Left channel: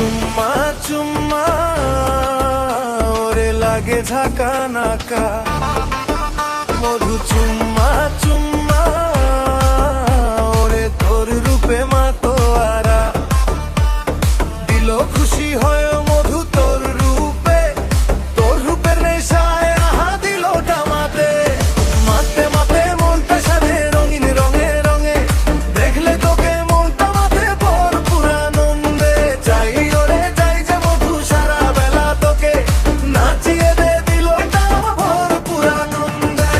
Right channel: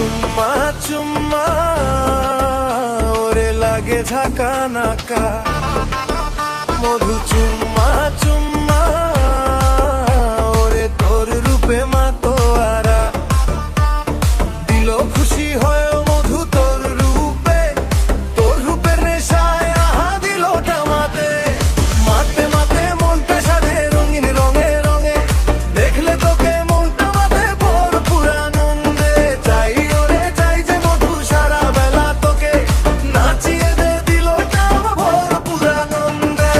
চুম্মা চুম্মা ওরে লাগে ঝাঁকা নাকা, মধু চুম্মা চুম্মা ওরে তোর রূপে মাতোয়ারা, দিল খুশি হয়ে মধু তোর রূপের নেশায় আহা দিল জামাতে, মাতে মাতে মন পেশারে রঙিন রঙে রঙে, দেখলে তোকে মনটা মাতে ভরপুর আনন্দে, চাই ওরে চাই যে মধু সারা বেলা তোকে, নাচিয়ে দে দিলটা ভরপুর আনন্দে।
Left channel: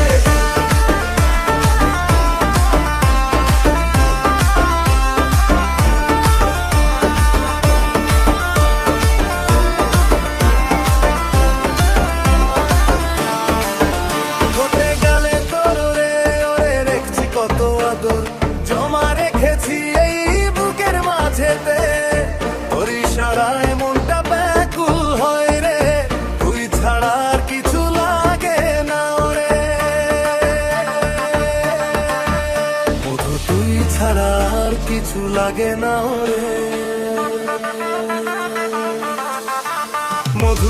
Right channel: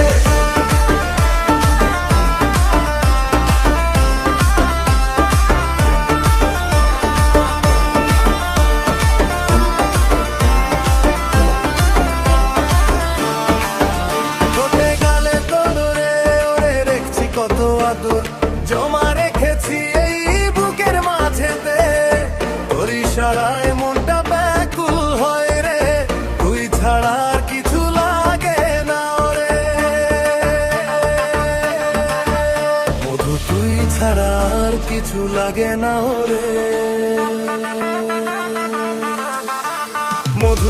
ঠোঁটে গালে তোর রে ওরে রেখেছি কত আদর, জমা রেখেছি এই বুকের মাঝেতে, তোর ইশারায় মনটা ব্যাকুল হয় রে, তুই ছাড়া আর কিছু লাগে না রে, মধু তুই ছাড়া আর কিছু লাগে না রে, মধু